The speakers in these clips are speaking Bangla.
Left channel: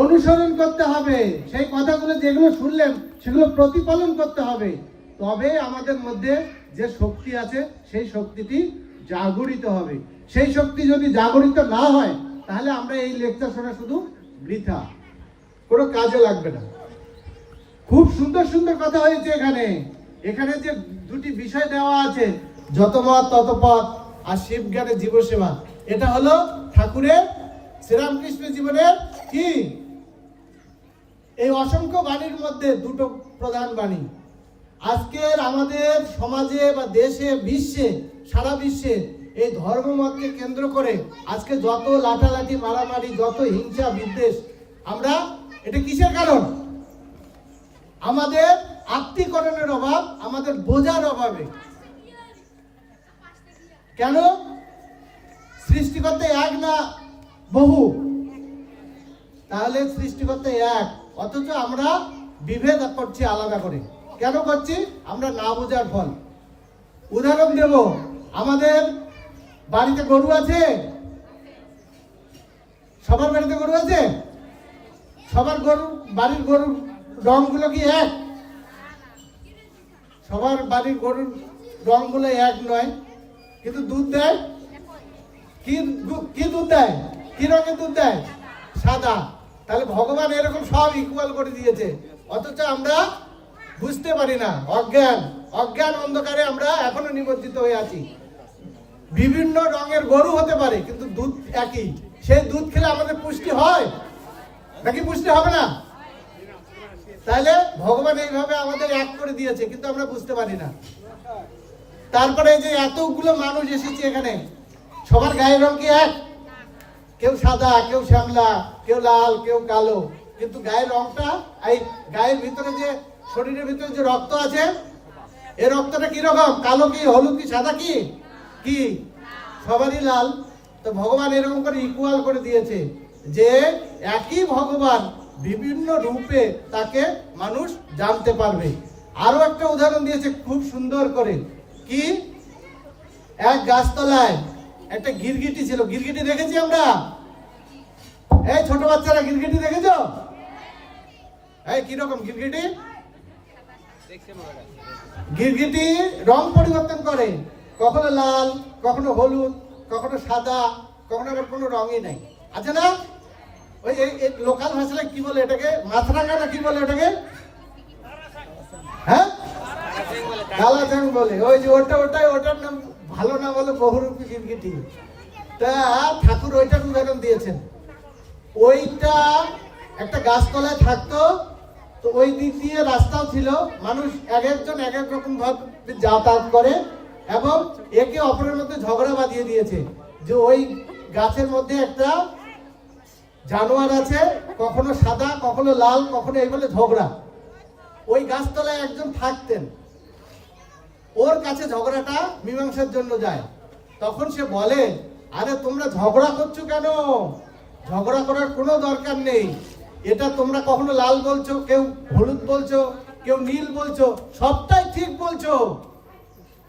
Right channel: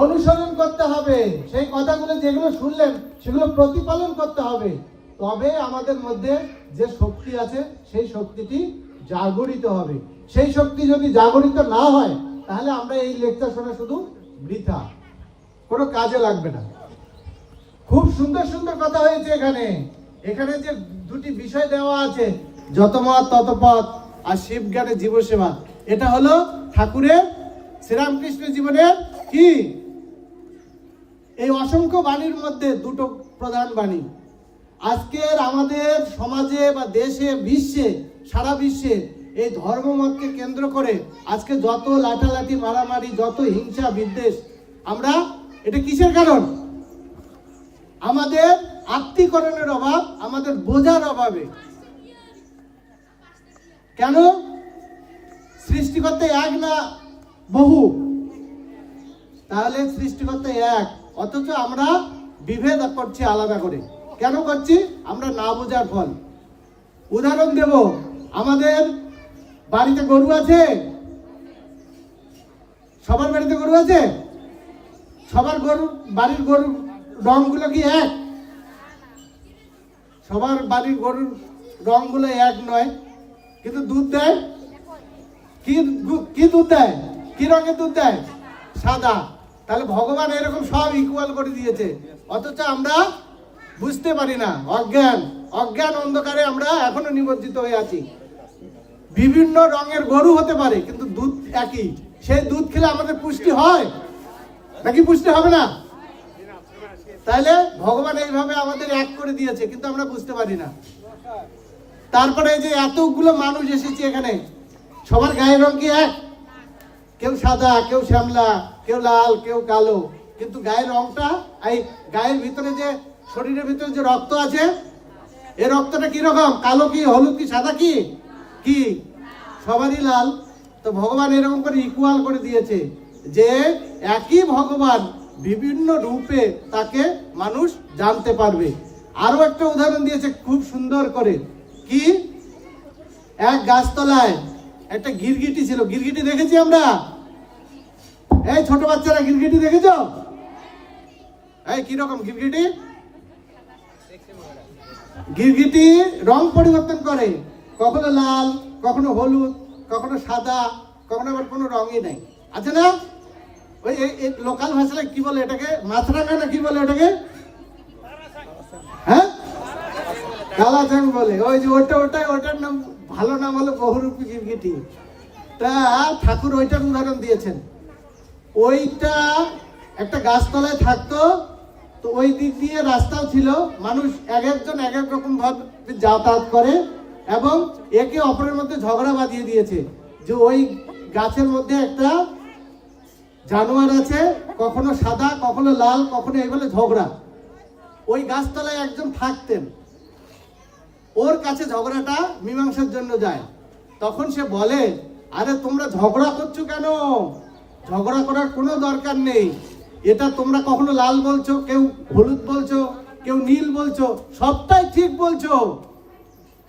অনুসরণ করতে হবে। সেই কথাগুলো যেগুলো শুনলেন, সেগুলো প্রতিপালন করতে হবে। তবে আমাদের মধ্যে যে শক্তি আছে, সেই শক্তিটি জাগরিত হবে। সেই শক্তি যদি জাগরিত না হয়, তাহলে আমরা এই লেকচার শোনা শুধু বৃথা। কোনো কাজে লাগবে না। খুব সুন্দর সুন্দর কথা হয়েছে এখানে। এখানে যে দুটি বিষয় দেওয়া আছে, যত মত তত পথ আর শিব জ্ঞানের জীব এটা হলো ঠাকুরের শ্রীরামকৃষ্ণ জীবনের কি? এই অসংখ্য বাণীর মধ্যে দুটো প্রধান বাণী। আজকের আমাদের সমাজে বা দেশে, বিশ্বে, সারা বিশ্বে এই ধর্মমতকে কেন্দ্র করে আজকে যত লাঠালাঠি, মারামারি, যত হিংসা, বিদ্বেষ, আমরা এটা কিসের কারণ? আমাদের আত্মীকরণের অভাব, আমাদের বোঝার অভাবে। কেন? সৃষ্টিকর্তা এক না বহু? তাহলে সৃষ্টিকর্তা এক। অথচ আমরা বিভেদ করছি আলাদা করে। কেন করছি? আমরা না বোঝার ফল। উদাহরণ দেব, আমাদের বাড়িতে গরু আছে? সবার বাড়িতে গরু আছে? সবার গরু, বাড়ির গরুর রংগুলো কি এক? সবার বাড়ির গরুর রংগুলো এক নয়। কিন্তু দুধ দেয়? কি দুধ দেয়? কি রঙের দুধ দেয়? সাদা। তাহলে ভগবান এরকম সব ইকুয়াল করে দিয়েছে। অথচ আমরা বুঝতে পারি না। অজ্ঞান। অজ্ঞান অন্ধকারে আমরা এখনও নিমজ্জিত হয়ে আছি। বিভিন্ন রঙের গরু হতে পারে, কিন্তু দুধ একই। সেই দুধ খেলে আমাদের পুষ্টি হয়? নাকি পুষ্টি হবে না? তাহলে ভগবান এইভাবে আমাদের এক করে দিয়েছে, কিন্তু আমরা বুঝতে পারি না। তারপরে যে এতগুলো মানুষ এসেছে এখানে, সবার গায়ের রং কি এক? কেউ সাদা, কেউ শ্যামলা, কেউ লাল, কেউ কালো। কিন্তু গায়ের রংটা, এই গায়ের ভিতরে যে, শরীরের ভিতরে যে রক্ত আছে এই রক্তটা কীরকম কালো কি, হলুদ কি, সাদা কি? কি? সবারই লাল। তো ভগবান এরকম করে ইকুয়াল করে দিয়েছে যে, একই ভগবান বিভিন্ন রূপে তাকে মানুষ জানতে পারবে। আরও একটা উদাহরণ দিয়েছে খুব সুন্দর করে। কি? এক গাছতলায় একটা গিরগিটি ছিল। গিরগিটি দেখেছি আমরা? এই ছোট বাচ্চারা গিরগিটি দেখেছ? এই কীরকম গিরগিটি গিরগিটি রং পরিবর্তন করে। কখনো লাল, কখনো হলুদ, কখনো সাদা, কখনো আবার কোনো রঙই নাই। আছে না? ওই লোকাল ভাষায় কি বলে এটাকে? মাছরাঙা না কি বলে এটাকে হ্যাঁ কালা চ্যাং বলে। ওই যে ওইটা, ওইটাই, ওইটার নাম, ভালো নাম হলো বহুরূপী গিরগিটি তা ঠাকুর ওইটার উদাহরণ দিয়েছেন। ওইটা একটা গাছতলায় থাকতো, তো ওই দিক দিয়ে রাস্তাও ছিল। মানুষ এক একজন এক এক রকম ভাবে যাতায়াত করে এবং একে অপরের মধ্যে ঝগড়া বাঁধিয়ে দিয়েছে। যে ওই গাছের মধ্যে একটা জানোয়ার আছে, কখনো সাদা, কখনো লাল, কখনো এই বলে ঝগড়া। ওই গাছতলায় একজন থাকতেন। ওর কাছে ঝগড়াটা মীমাংসার জন্য যায়। তখন সে বলে, আরে, তোমরা ঝগড়া করছ কেন? ঝগড়া করার কোনো দরকার নেই। এটা তোমরা কখনো লাল বলছো, কেউ হলুদ বলছো, কেউ নীল বলছো, সবটাই ঠিক বলছো।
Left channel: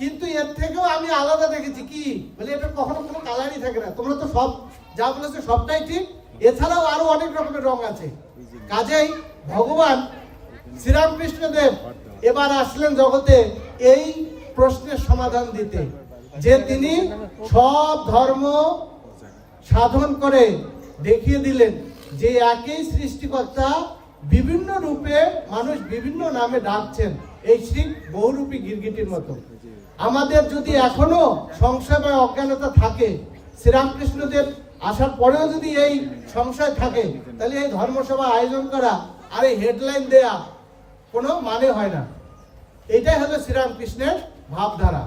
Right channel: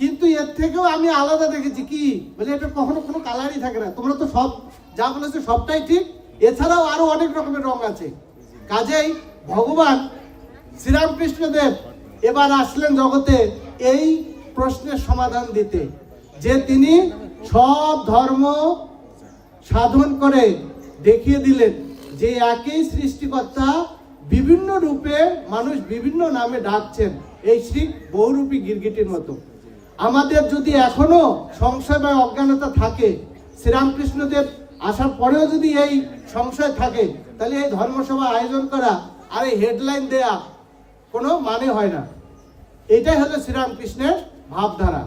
কিন্তু এর থেকেও আমি আলাদা দেখেছি কি? বলে, এটা কখনো কোনো কালারই থাকে না। তোমরা তো সব যা বলেছ সবটাই ঠিক। এছাড়াও আরও অনেক রকমের রং আছে। কাজেই ভগবান শ্রীরামকৃষ্ণদেব এবার আসলেন জগতে। এই প্রশ্নের সমাধান দিতে। যে তিনি সব ধর্ম সাধন করে দেখিয়ে দিলেন, যে একই সৃষ্টিকর্তা বিভিন্ন রূপে মানুষ বিভিন্ন নামে ডাকছেন, এই শিব বহুরূপী গিরগিটির মতো। আমাদের যদি এখনও সংশয় বা অজ্ঞানতা থাকে, শ্রীরামকৃষ্ণদেব আসার পরেও যদি এই সংশয় থাকে, তাহলে এই ধর্মসভা আয়োজন করা আর এই হেডলাইন দেয়া কোনো মানে হয় না। এটাই হলো শ্রীরামকৃষ্ণের ভাবধারা।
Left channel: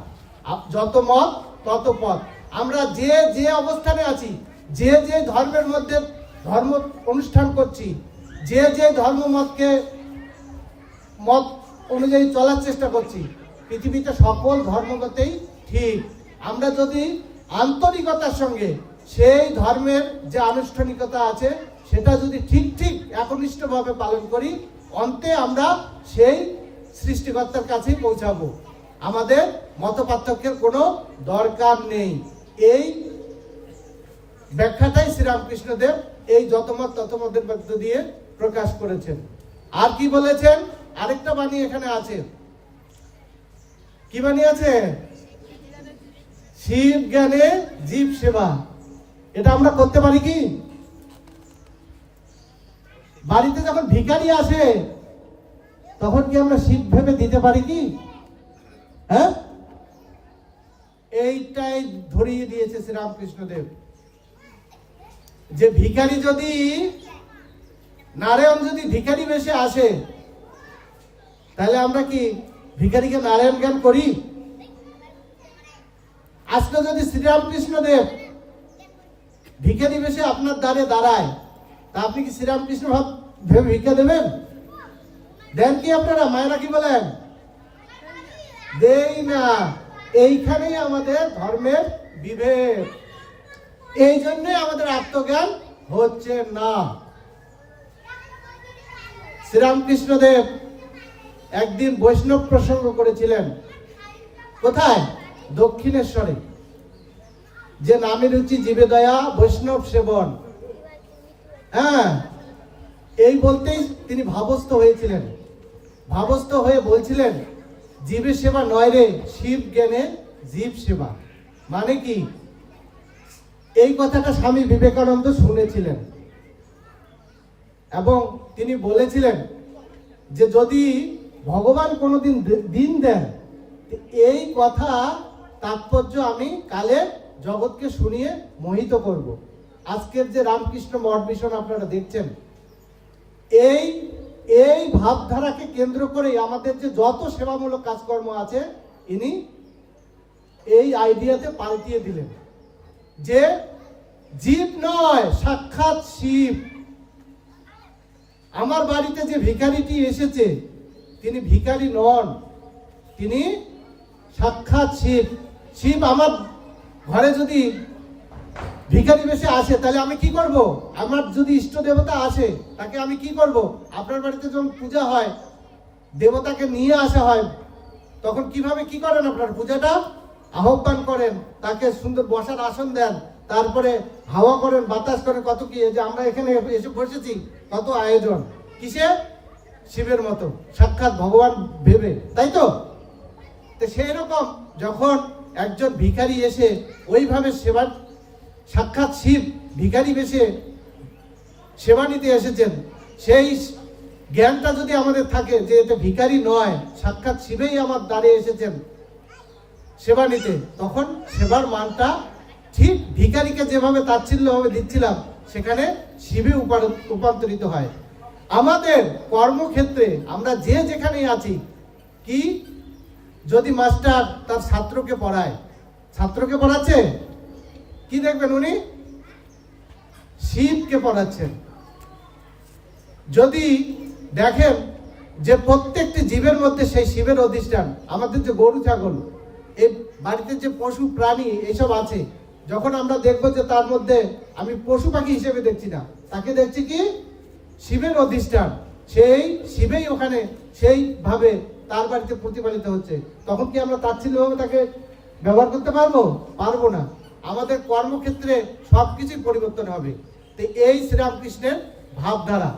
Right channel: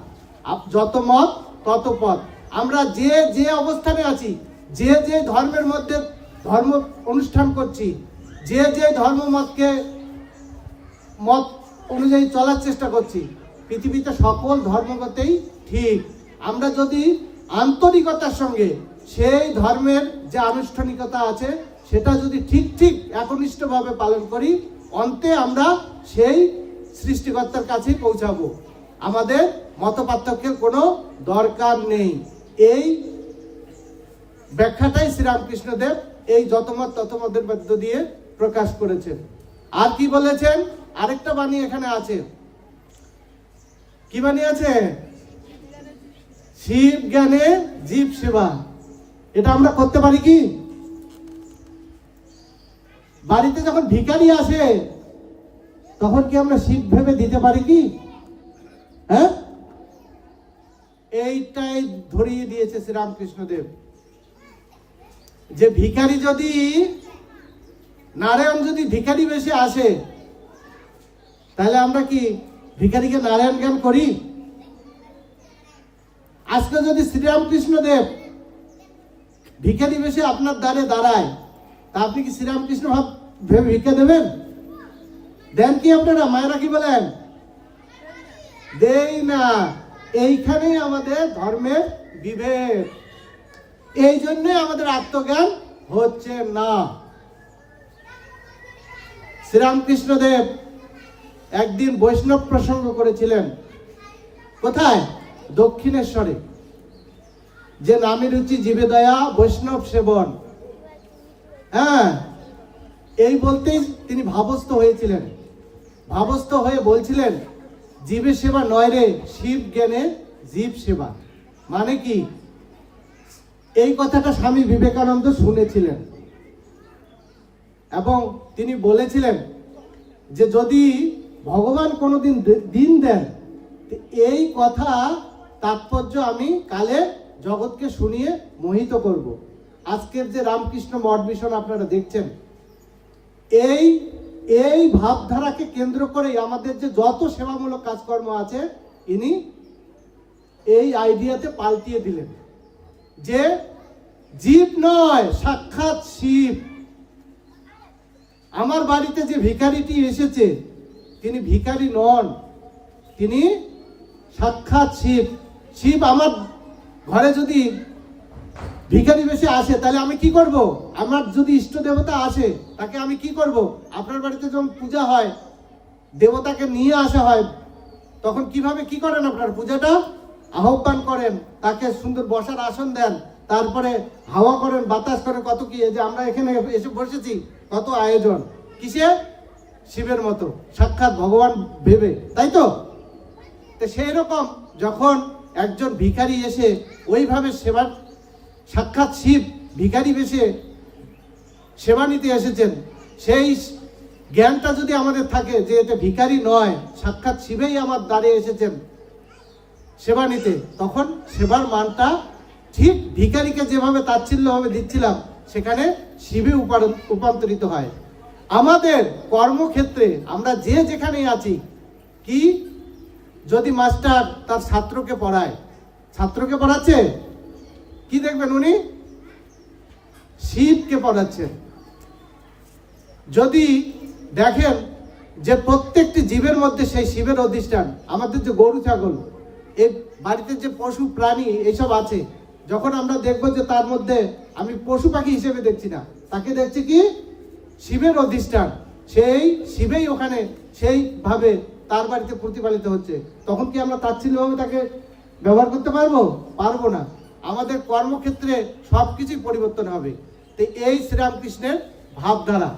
যত মত, তত পথ। আমরা যে যে অবস্থানে আছি, যে যে ধর্মের মধ্যে ধর্ম অনুষ্ঠান করছি, যে যে ধর্ম মতকে, মত অনুযায়ী চলার চেষ্টা করছি, পৃথিবীতে সকল ধর্মগতেই ঠিক। আমরা যদি আন্তরিকতার সঙ্গে সেই ধর্মের যে আনুষ্ঠানিকতা আছে, সেটা যদি ঠিক ঠিক একনিষ্ঠভাবে পালন করি, অন্তে আমরা সেই সৃষ্টিকর্তার কাছেই পৌঁছাবো। আমাদের মত পার্থক্যের কোনো দরকার নেই। এই ব্যাখ্যাটাই শ্রীরামকৃষ্ণদেব এই যতমত ততমতের মধ্য দিয়ে প্রকাশ করেছেন। আর কি বলেছেন? আরেকটা বাণী এখানে আছে। কি বাণী আছে? শিব জ্ঞানে জীব সেবা। এটা আমরা করতে পারি কি? বাড়িতে যখন ভিখারি আসে তখন কি আমরা শিব ভেবে দিতে পারি কি? হ্যাঁ? এইটাই ধরিয়ে দিয়েছে শ্রীরামকৃষ্ণদেব। যে ভিখারি যদি, নারায়ণ যদি ভিখারি বেশে আসে, তাহলে আমরা কি ভিখারিকে নারায়ণ জ্ঞান করি? আজকে যদি শ্রীরামকৃষ্ণদেব ভিখারি বেশে আপনার দ্বারে দাঁড়ায়, তা আপনি কি শ্রীরামকৃষ্ণ ভেবে ভিক্ষা দেবেন? দেন কি আপনারা, মায়েরা কি বলেন? দেই না। এইখানেই আমাদের ধর্মের বিভেদ। এই জন্য আমাদের আত্মজ্ঞান হচ্ছে না। শ্রীরামকৃষ্ণদেব একদিন বৈষ্ণব প্রসঙ্গ করেছিলেন, কোথায়? দক্ষিণেশ্বরে। যে নামে রুচি জীবে দয়া, বৈষ্ণব সেবন। হ্যাঁ এই বলতেই তিনি ভাবস্থ হয়েছিলেন। ভাবস্থ হয়ে বলছিলেন, জীবের সেবা নয় রে, শিব জ্ঞানে জীব সেবা। মানে কি? এই কথাটা স্বামী বিবেকানন্দ শুনেছিলেন। এবং তিনি বলেছিলেন যে, যদি ভগবান কোনোদিন দিন দেন এই কথা তাৎপর্য আমি কালে জগৎকে শুনিয়ে মোহিত করব। আজকের যে রামকৃষ্ণ মঠ মিশন আপনারা দেখছেন, এই এই ভাবধারাকে কেন্দ্র করে আমাদের যে যত সেবামূলক কাজকর্ম আছে, ইনি এই আইডিয়াতে পাল্টিয়ে দিলেন যে জীব নয়, সাক্ষাৎ শিব। আমার বাড়িতে যে ভিখারিটি এসেছে, তিনি ভিখারি নন, তিনি সাক্ষাৎ শিব। শিব আমার ঘরে যদি ভিখারি বেশে আসে, তাহলে আমি কি করব? আমার যদি ইষ্ট দেবতা আসে, তাকে আমি কি করব? আপনার বাড়িতে যখন পূজা হয়, দেবতাকে নিয়ে আসা হয়, তখন কীভাবে কি করেন আপনার? পূজাটা আহ্বান করেন, তাকে সুন্দর বসার আসন দেন, তারপরে হাওয়া করেন, বাতাস করেন, কত কি যে আমরা এখানে এসে বসেছি, কত আয়োজন। কিসের? শিবের মতো। সাক্ষাৎ ভগবান ভেবে, তাই তো? তো সেই রকম যখন একজন ভিখারি এসে ওইভাবে সেবার সাক্ষাৎ শিব ভিখারি বেশে সেবা নিতে এসেছেন। সেই জ্ঞানটা যদি আমাদের থাকে যে এতে ভিখারি নয়, সাক্ষাৎ শিবেই আমার দ্বারে এসেছেন সেবা নিতে, তখন সেবার মানটা ঠিক ভিখারিকে যেভাবে তাচ্ছিল্যভাবে দিচ্ছিলাম, সেখানে শিবে রূপান্তরিত হয়। আমাদের কর্মক্ষেত্রে আমরা যে যেখানেই আছি, কি? যদি মাস্টার তার ছাত্রকে পড়ায়, ছাত্রকে পড়াচ্ছে? কি দেখবেন উনি? শিবকে পড়াচ্ছেন। যদি দেখেন যে প্রত্যেকটি জীবের মধ্যে সেই শিবের অধিষ্ঠান, আমাদের যে গরু, ছাগল এই বাড়িতে যে পশু, প্রাণী এসব আছে, যখন আমরা দেখব যে তার মধ্যে আমি পশু পাখি হিসেবে দেখছি না, তাকে দেখছি কি? শিবের অধিষ্ঠান। সেই শিবেই ওখানে সেইভাবে তার বাড়িতে প্রতিপালিত হচ্ছে। তখন কি আমরা তাচ্ছিল্যভাবে তাকে ব্যবহার করতে পারব? পারব না। আমাদের কর্মক্ষেত্রে সব কিছুই পরিবর্তন হবে। তো এই শ্রীরামকৃষ্ণের ভাবধারা।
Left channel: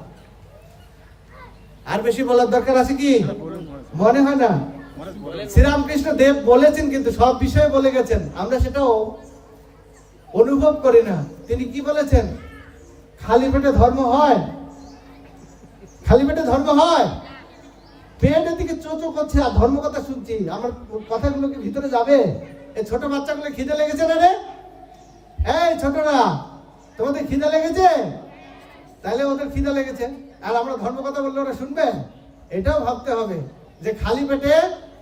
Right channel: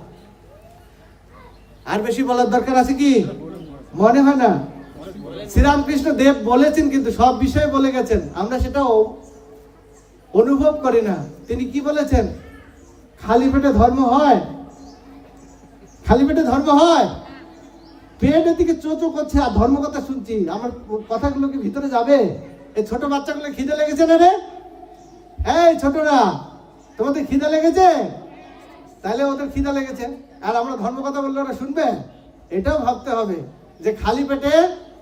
আর বেশি বলার দরকার আছে কি? মনে হয় না? শ্রীরামকৃষ্ণ দেব বলেছেন কিন্তু সব বিষয়ে বলে গেছেন। আমরা সেটাও অনুভব করি না। তিনি কি বলেছেন? খালি পেটে ধর্ম হয়? খালি পেটে ধর্ম হয়? পেটের দিকে চোচো করছে আর ধর্ম কথা শুনছি। আমার কথাগুলো কি ভিতরে যাবে? এই ছোট বাচ্চাগুলো খিদে লেগেছে না রে? এই ছোটরা তোমাদের খিদে লেগেছে? তাহলে ওদের খিদা লেগেছে। আর আমরা ধর্ম কথা বললে ওরা শুনবে? এটাও ভাবতে হবে যে খালি পেটে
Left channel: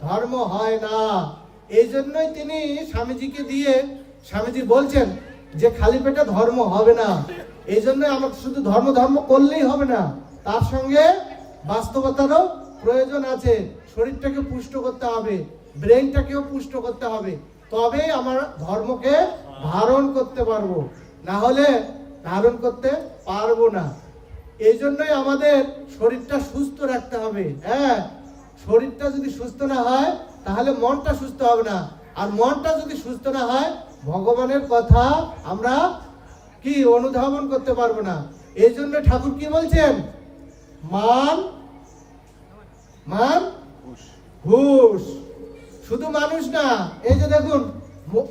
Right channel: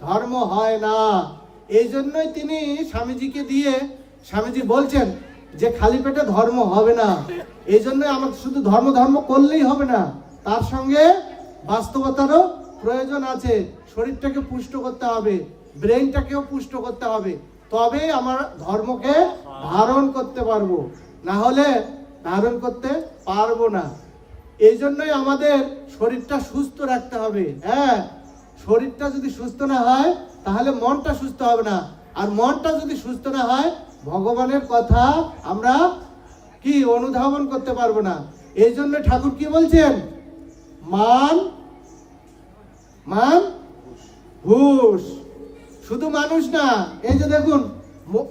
ধর্ম হয় না। এই জন্যই তিনি স্বামীজিকে দিয়ে স্বামীজি বলছেন যে খালি পেটে ধর্ম হবে না। এই জন্য আমার শুধু ধর্ম ধর্ম করলেই হবে না, তার সঙ্গে বাস্তবতারও প্রয়োজন আছে। শরীরটাকে পুষ্ট করতে হবে ব্রেনটাকেও পুষ্ট করতে হবে। তবে আমার ধর্মকে ধারণ করতে পারব। না হলে ধারণ করতে পারব না। এই জন্যই আমাদের শরীরটা সুস্থ রাখতে হবে। হ্যাঁ শরীরটা যদি সুস্থ না হয়, তাহলে মনটা সুস্থ হবে না। আর মনটা যদি সুস্থ না হয়, ভগবানের কথা আমরা কি অনুধাবন করতে পারব না। এই জন্য ঠাকুর কি বলছেন? মান মান, ঘুষ। শুধু মানুষ না, এই যে দেখুন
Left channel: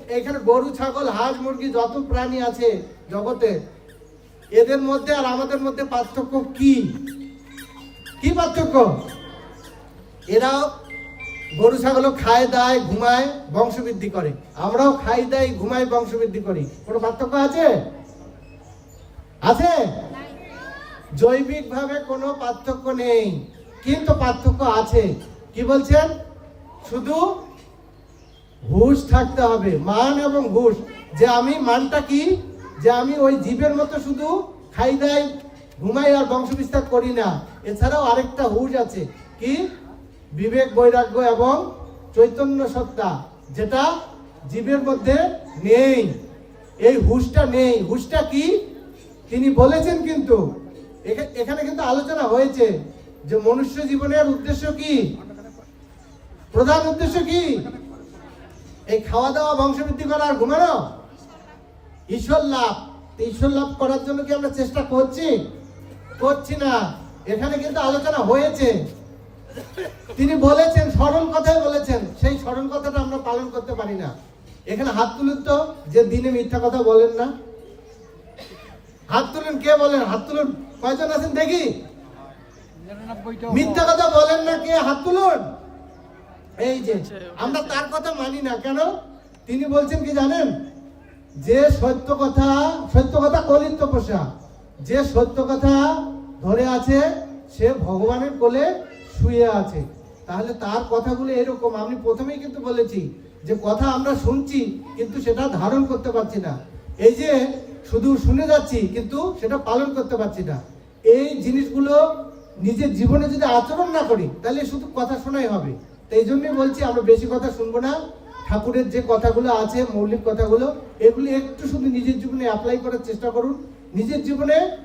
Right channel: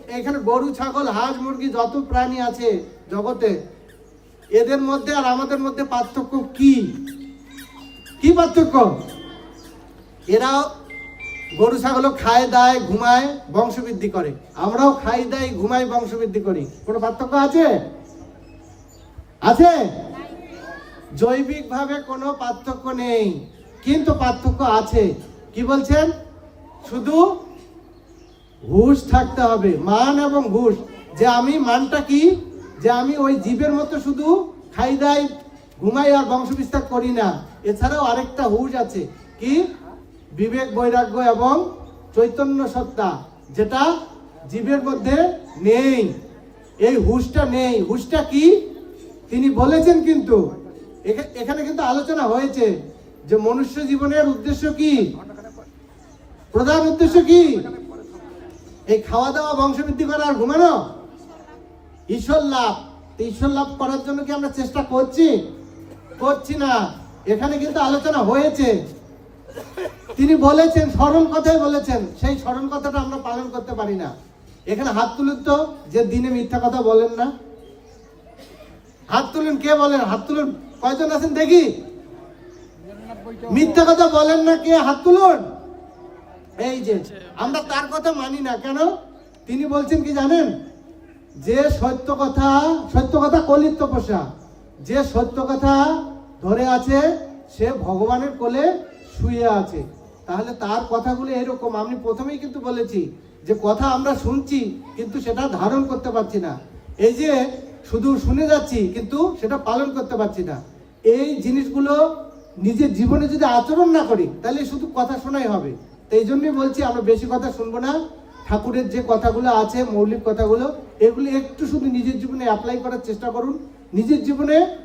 এখানে গরু, ছাগল, হাঁস, মুরগি যত প্রাণী আছে জগতে, এদের মধ্যে আর আমাদের মধ্যে পার্থক্য কি? কি পার্থক্য? এরাও গরু, ছাগলও খায়, দায়, ঘুমায় বংশবৃদ্ধি করে। আমরাও খাই দাই ঘুমাই বংশবৃদ্ধি করি। কোনো পার্থক্য আছে? আছে? জৈবিকভাবে কোনো পার্থক্য নেই। কিন্তু পার্থক্য আছে। কি বলছেন? শুধু ঘুষ থাকতে হবে, মান এবং ঘুষ। যে আমি মানটা কি? যে আমি ওই জীবের মতো শুধু খাই দাই, ঘুমাই আর বংশ বিস্তার করি না। এছাড়াও আরেকটা হুশ আছে। কি? বিবেক, বৈরাগ্য এবং চৈতন্য সত্তা, যেটা জীবের মধ্যে নেই। এই হুশটা নেই। হুশটা কি? তিনি বলেছেন কিন্তু। এখা- এখানে কিন্তু আলোচনা হয়েছে যে মনুষ্য জীবনের উদ্দেশ্য কি? প্রধান উদ্দেশ্য কি? এই খাওয়া দাওয়া বংশবৃদ্ধি করা আর ঘুমানো? ঈশ্বর লাভ। ঈশ্বর লাভ করার জন্য কি আমরা চেষ্টা করছি? করছি না। এখানে কিন্তু আলোচনা হয়েছে। তিনি বলেছেন, স্মরণ কথাই বলেছেন। সেই স্মরণ কথাটা আমরা পালন করতে পারি না। এখানে হাত তুলুন তো, যে দিনে মিথ্যা কথা বলেন না। হাত তুলুন, কে বলেন? হাত তুলুন। কয়জন আছেন দেখি? মিথ্যা কথা বলেন না, কে? হাত তুলুন। এই যে, আমরা তার কথা মানি না, কেন? তিনি বলছেন কি জানেন? যে সত্য কথা সত্য কথা কলিত তপস্যা, যে সত্য কথা ধরে আছে, সে ভগবানের কোলে শুয়ে আছে। তাহলে তার কথাগুলো এরকম, আমি প্রথমেই কিন্তু বলেছি যে কথা আমরা শুনছি, কিন্তু সেটা ধারণ করতে পারছি না। এই যে শুধু শুনে যাচ্ছি, কিন্তু সেটা পালন করতে পারছি না। এই জিনিসগুলো নিজের জীবনে যদি আচরণ না করি, তাহলে শুধু কথা শোনাই হবে। এই জন্যই বলছি, আমরা বেশি কথা শুনব না। ঠাকুরের যে কথাগুলো আছে, মৌলিক কথাগুলো, এগুলো একটু শুধু নিজের জীবনে অ্যাপ্লাই করার চেষ্টা করুন। নিজের জীবনে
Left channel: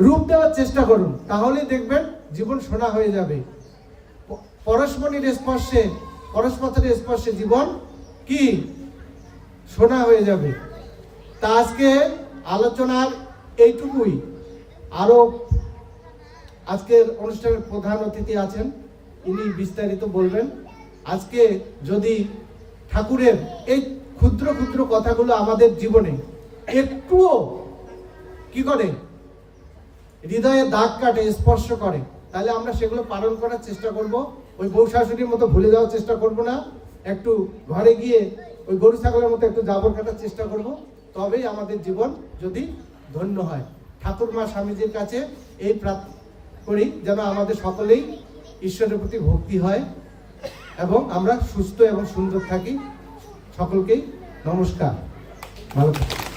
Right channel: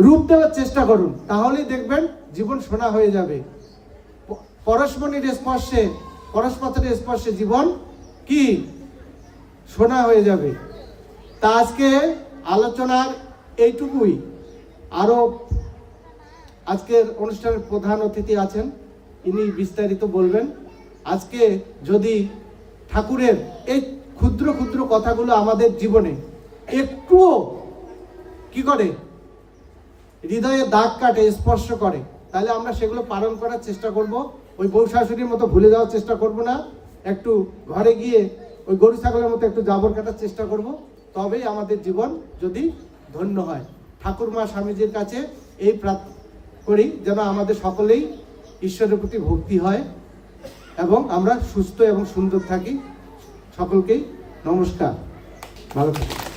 রূপ দেওয়ার চেষ্টা করুন। তাহলেই দেখবেন জীবন সোনা হয়ে যাবে। প- পরশমণির স্পর্শে পরশপথের স্পর্শে জীবন কি? সোনা হয়ে যাবে। তা আজকে আলোচনার এইটুকুই। আরও আজকের অনুষ্ঠানের প্রধান অতিথি আছেন। তিনি বিস্তারিত বলবেন। আজকে যদি ঠাকুরের এই ক্ষুদ্র ক্ষুদ্র কথাগুলো আমাদের জীবনে একটুও কি করে? হৃদয়ে দাগ কাটে, স্পর্শ করে, তাহলে আমরা সেগুলো পালন করার চেষ্টা করব। ওই বউ শাশুড়ির মতো ভুলে যাওয়ার চেষ্টা করব না। একটু ঘরে গিয়ে ওই গরু ছাগলের মতো একটু জাবর কাটার চেষ্টা করব। তবেই আমাদের জীবন যদি ধন্য হয়। ঠাকুর মা স্বামীজির কাছে এই প্রার্থ করি, যেন আমাদের সকলেই ঈশ্বরের প্রতি ভক্তি হয় এবং আমরা সুস্থ এবং সুন্দর থাকি। সকলকেই নমস্কার। ভালো থাকুন।